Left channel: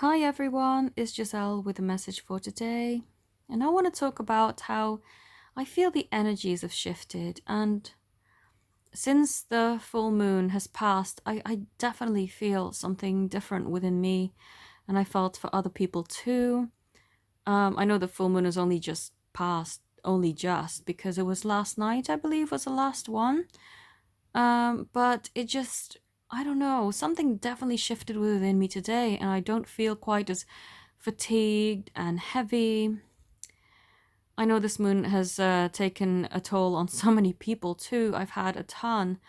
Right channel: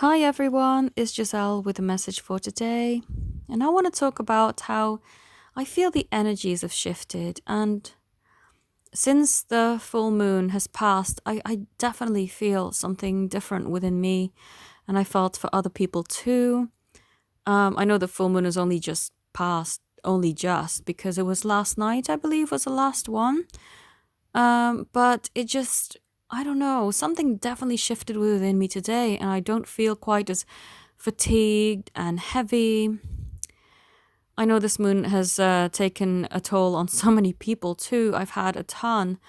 Hi everyone, it's Giselle with a message for today. And I want to talk about how I feel the energies have shifted. And since the full moon has passed, I definitely feel something different within me. And I felt for other people too. I know the full moon has only just passed, only just, because it was last night, I believe, was the last one. But it just, I don't know, something definitely shifted within me today, and I don't feel quite as fatigued and heavy. I know this moon has taken a toll on so many people too. I've had a ton.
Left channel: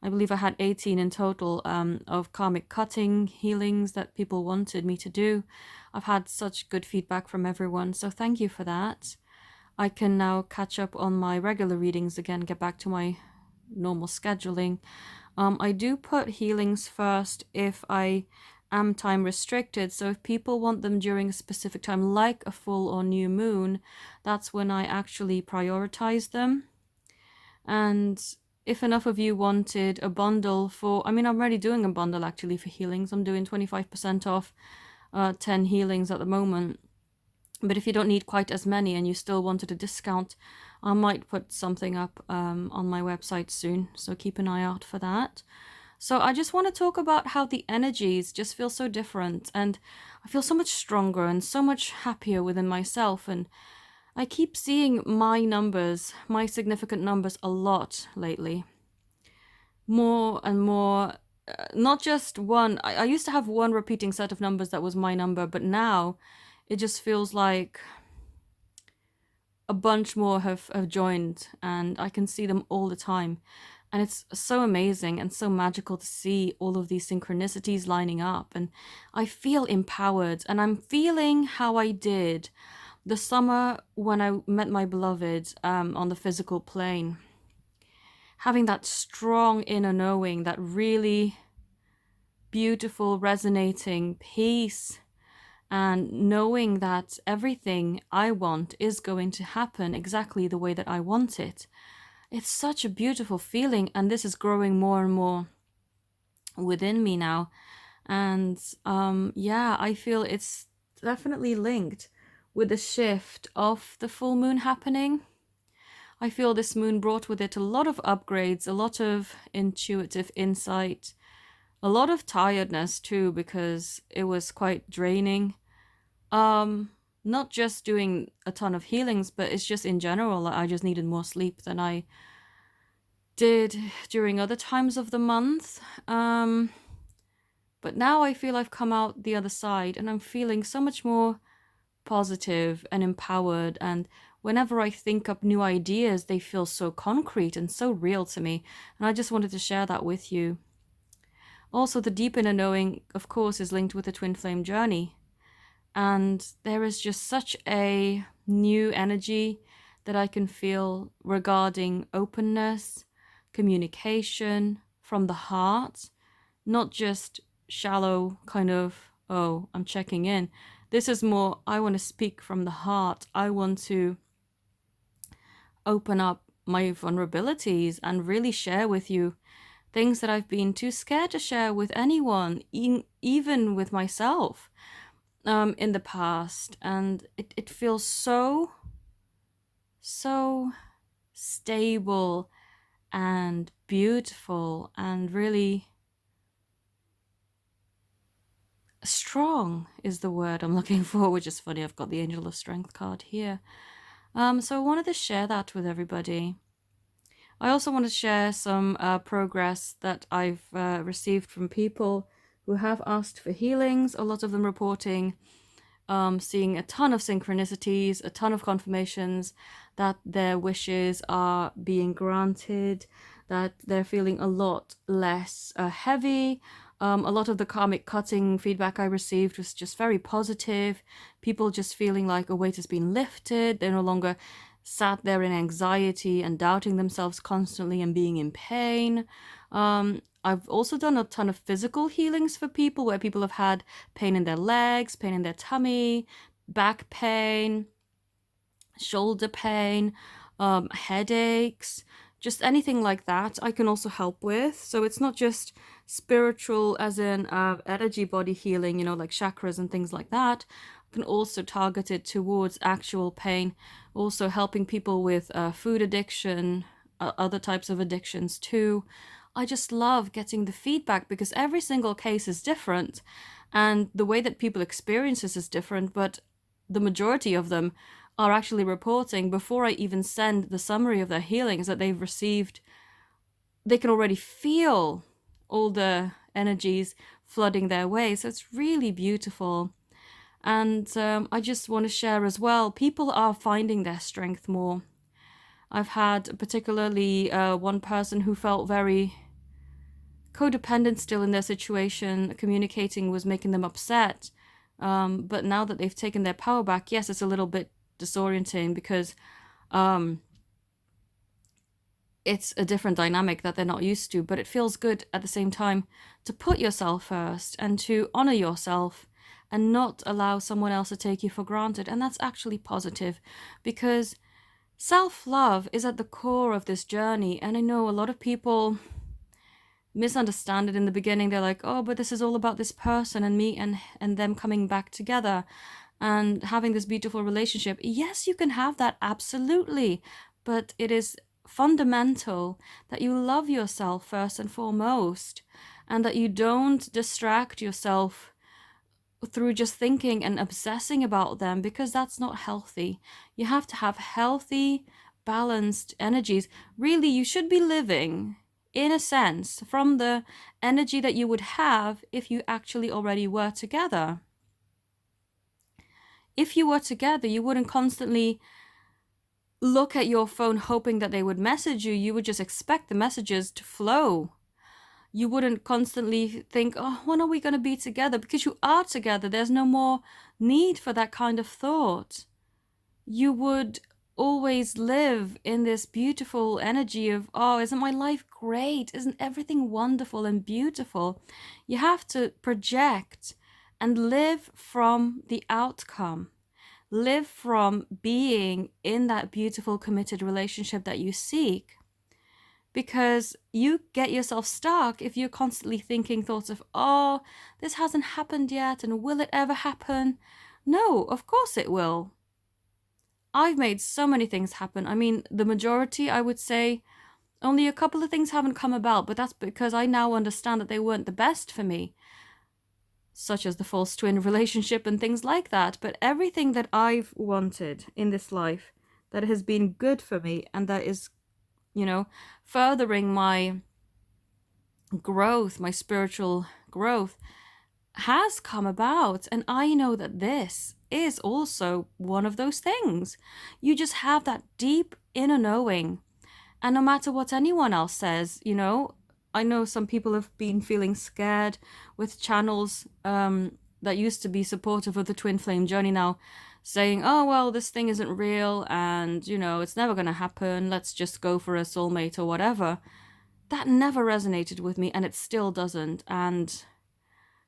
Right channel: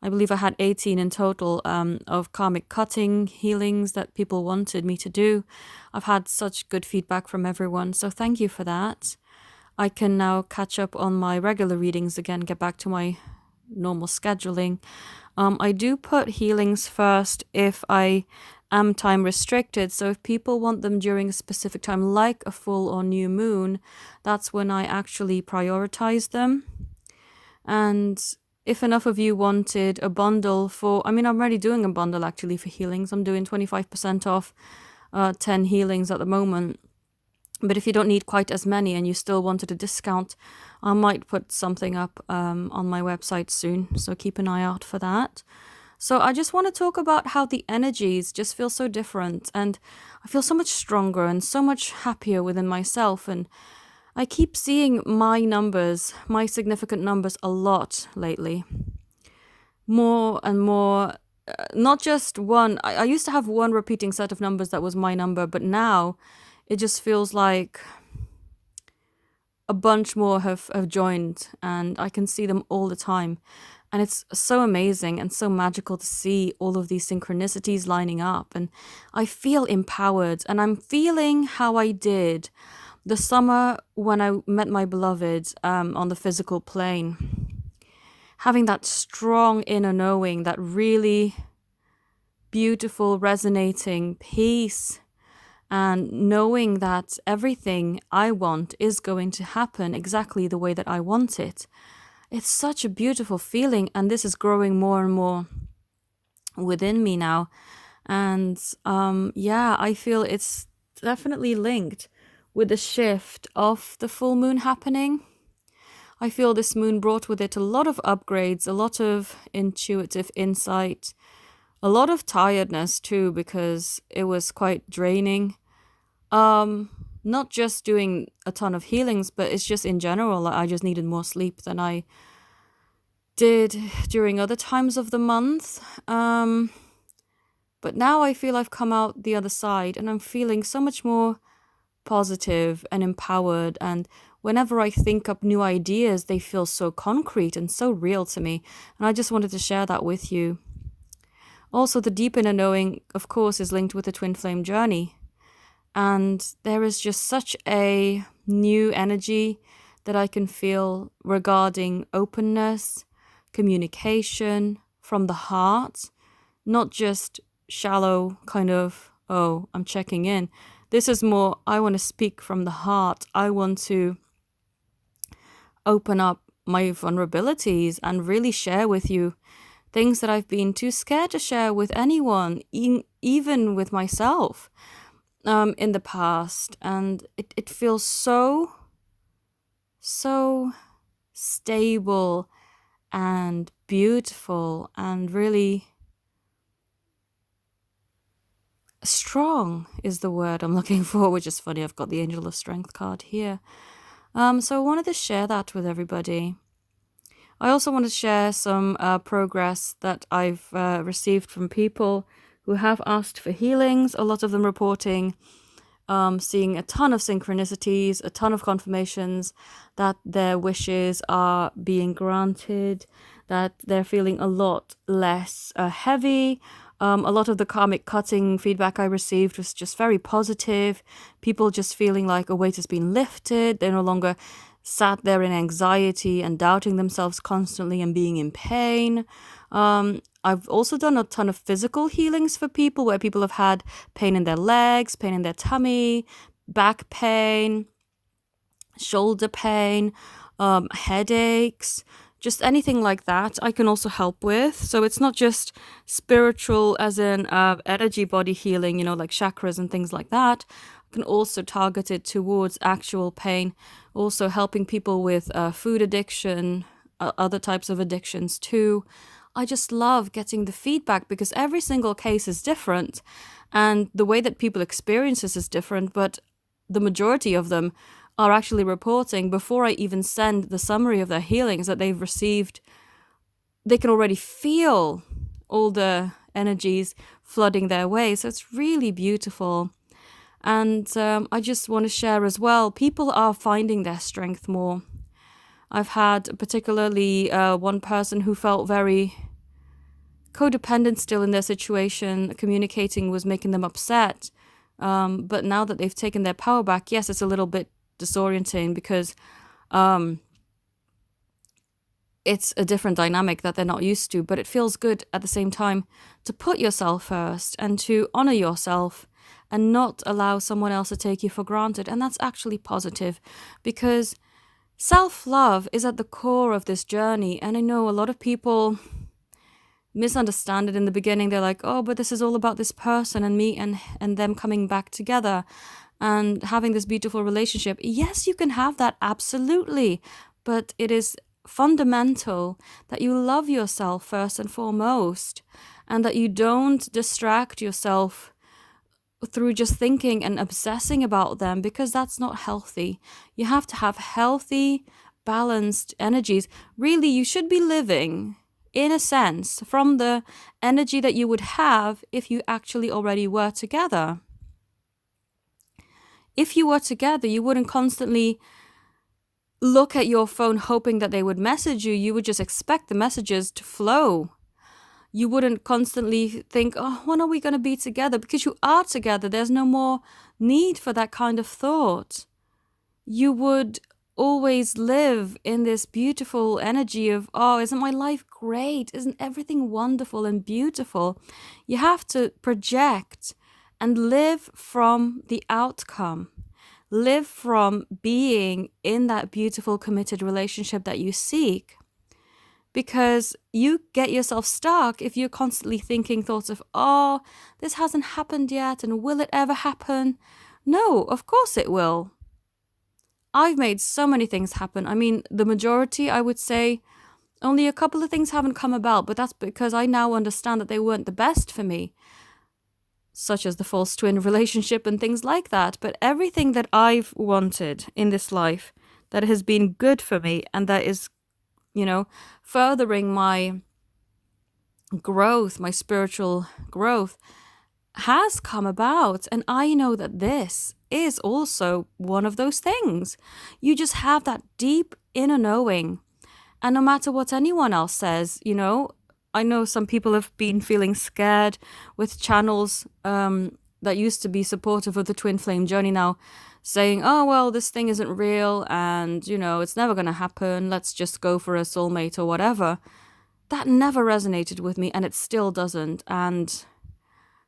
I believe I had 18 in total of karmic cutting healings that people wanted me to do. I've had such good feedback from everyone, so thank you for that. I can now catch up on my regular readings again, get back to my normal scheduling. I do put healings first if I am time restricted. So if people want them during a specific time, like a full or new moon, that's when I actually prioritize them. And if enough of you wanted a bundle I'm already doing a bundle actually for healings. I'm doing 25% off 10 healings at the moment. But if you don't need quite as many and you still wanted a discount, I might put something up on my website soon. So keep an eye out for that. So I just want to talk about how the energies just feel so different, and I feel so much stronger and so much happier within myself. And I keep seeing my numbers, my significant numbers, a lot lately. More and more, not just one. I used to have one repeating set of numbers that was my number, but now it just feels like a bunch more have joined, and I can see them all the time. And it's so amazing and so magical to see all of these synchronicities lining up. And I feel empowered, and I'm feeling how I did the summer when I met my beloved on the physical plane. Having that strong inner knowing, that really beautiful, resonating peace, and knowing that everything I want is going to happen exactly the way that I want it. It's such a beautiful feeling, and this is growing more and more within me now. And yeah, I feel it's definitely linked with the shift of the full moon happening. I feel this moon brought with it a lot of upgrades, a lot of intuitive insight, a lot of tiredness too, because it was quite draining. Not just doing a ton of healings, but it's just in general, like I just needed more sleep than I did during other times of the month. But now I feel I've come out the other side, and I'm feeling so much more positive and empowered. And whenever I think up new ideas, they feel so concrete and so real to me. And I just wanted to share that with you. Also, the deep inner knowing, of course, is linked with the twin flame journey. And there is just such a new energy that I can feel regarding openness, communication from the heart, not just shallow kind of, oh, I'm checking in. This is more, I want to speak from the heart. I want to open up my vulnerabilities and really share with you things that I've been too scared to share with anyone, even with myself, in the past. And it feels so stable and beautiful and really strong is the word I'm looking for, which is funny. I've got the Angel of Strength card here. So I wanted to share that with everybody. I also want to share some progress that I've received from people who have asked for healings, a lot of them reporting seeing a ton of synchronicities, a ton of confirmations that their wishes are being granted, that they're feeling a lot less heavy. A lot of the karmic cutting feedback I received was just very positive. People just feeling like a weight has been lifted. They're no longer sat there in anxiety and doubting themselves constantly and being in pain. I've also done a ton of physical healings for people where people have had pain in their legs, pain in their tummy, back pain, shoulder pain, headaches, just anything like that I can also help with. So it's not just spiritual as in energy body healing, like chakras and things like that. I can also target it towards actual pain, also helping people with food addiction, other types of addictions too. I just love getting the feedback because every single case is different and the way that people experience this is different, but the majority of them are actually reporting before I even send the summary of their healings that they've received. They can already feel all the energies flooding their way. So it's really beautiful. And I just want to share as well, people are finding their strength more. I've had particularly one person who felt very codependent still in their situation. Communicating was making them upset. But now that they've taken their power back, yes, it's a little bit disorienting because it's a different dynamic that they're not used to, but it feels good at the same time to put yourself first and to honor yourself and not allow someone else to take you for granted. And that's actually positive because self-love is at the core of this journey. And I know a lot of people misunderstand it in the beginning. They're like, oh, but this is all about this person and me and them coming back together and having this beautiful relationship. Yes, you can have that, absolutely. But it is fundamental that you love yourself first and foremost and that you don't distract yourself through just thinking and obsessing about them because that's not healthy. You have to have healthy, balanced energies. Really, you should be living, in a sense, from the energy that you would have if you actually already were together. If you were together, you wouldn't constantly look at your phone hoping that they would message you. You would just expect the messages to flow. You wouldn't constantly think, oh, when are we going to be together? Because you are together. There's no more need for that kind of thought. You would always live in this beautiful energy of, oh, isn't my life great? Isn't everything wonderful and beautiful? You have to project and live from the outcome. Live from being in that beautiful committed relationship that you seek. Because you get yourself stuck if you're constantly thinking thoughts of, oh, this hasn't happened yet and will it ever happen? No, of course it will. I've made so many things happen. I mean, the majority, I would say, only a couple of things haven't come about, but that's because I now understand that they weren't the best for me, such as the false twin relationship and things like that. But everything that I've wanted in this life that has been good for me and that is, furthering my growth, my spiritual growth, has come about. And I know that this is also one of those things. You just have that deep inner knowing. And no matter what anyone else says, I know some people have been feeling scared with channels that used to be supportive of the twin flame journey now saying, oh, well, this thing isn't real and, it's never going to happen. Let's just go for a soulmate or whatever. That never resonated with me and it still doesn't. And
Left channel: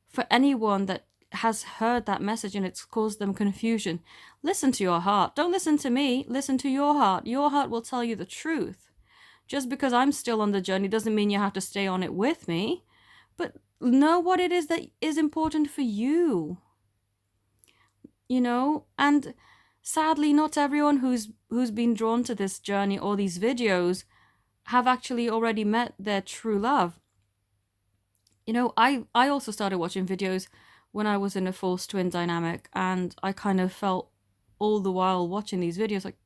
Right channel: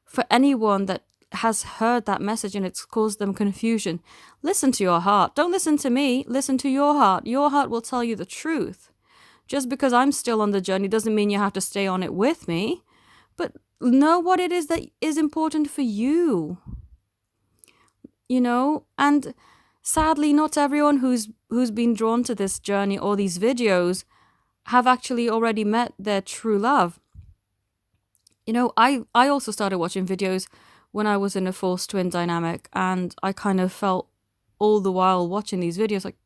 for anyone that has heard that message and it's caused them confusion, listen to your heart. Don't listen to me. Listen to your heart. Your heart will tell you the truth. Just because I'm still on the journey doesn't mean you have to stay on it with me. But know what it is that is important for you. And sadly not everyone who's been drawn to this journey or these videos have actually already met their true love. I also started watching videos when I was in a false twin dynamic, and I kind of felt all the while watching these videos like,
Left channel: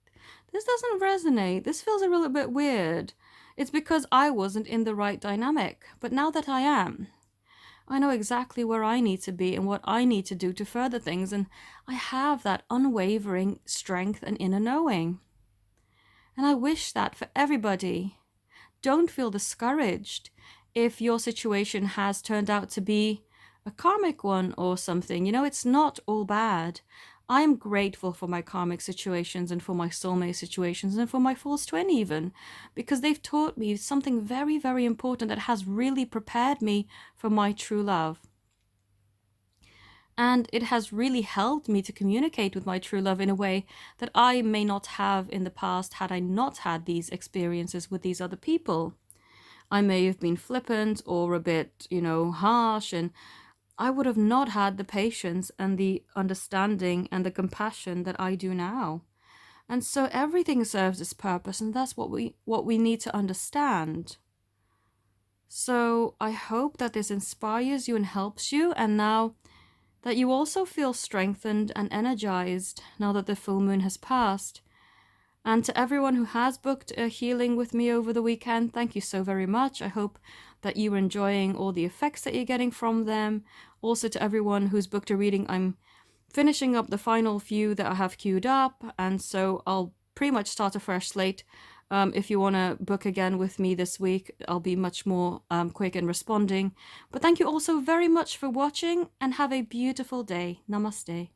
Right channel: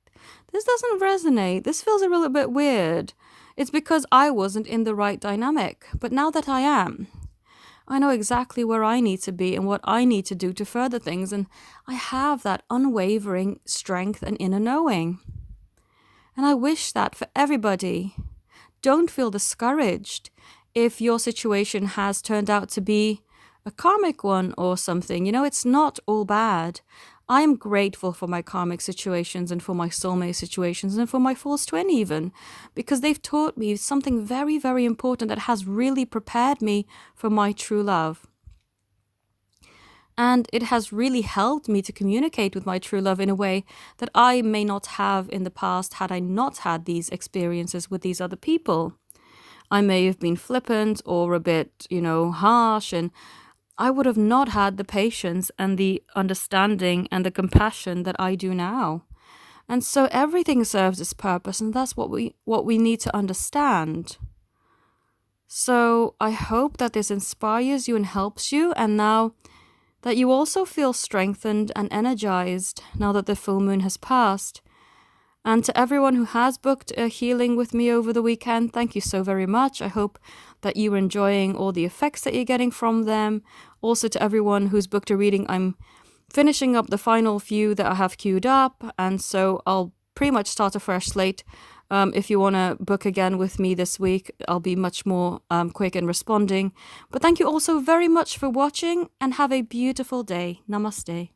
this doesn't resonate, this feels a little bit weird. It's because I wasn't in the right dynamic. But now that I am, I know exactly where I need to be and what I need to do to further things, and I have that unwavering strength and inner knowing. And I wish that for everybody. Don't feel discouraged if your situation has turned out to be a karmic one or something. It's not all bad. I'm grateful for my karmic situations and for my soulmate situations and for my false twin even, because they've taught me something very, very important that has really prepared me for my true love. And it has really helped me to communicate with my true love in a way that I may not have in the past had I not had these experiences with these other people. I may have been flippant or a bit, harsh, and I would have not had the patience and the understanding and the compassion that I do now. And so everything serves its purpose, and that's what we need to understand. So I hope that this inspires you and helps you, and now that you also feel strengthened and energized now that the full moon has passed. And to everyone who has booked a healing with me over the weekend, thank you so very much. I hope that you're enjoying all the effects that you're getting from them. Also, to everyone who's booked a reading, I'm finishing up the final few that I have queued up, and so I'll pretty much start a fresh slate. If you want to book again with me this week, I'll be much more quick in responding. But thank you also very much for watching, and have a beautiful day. Namaste.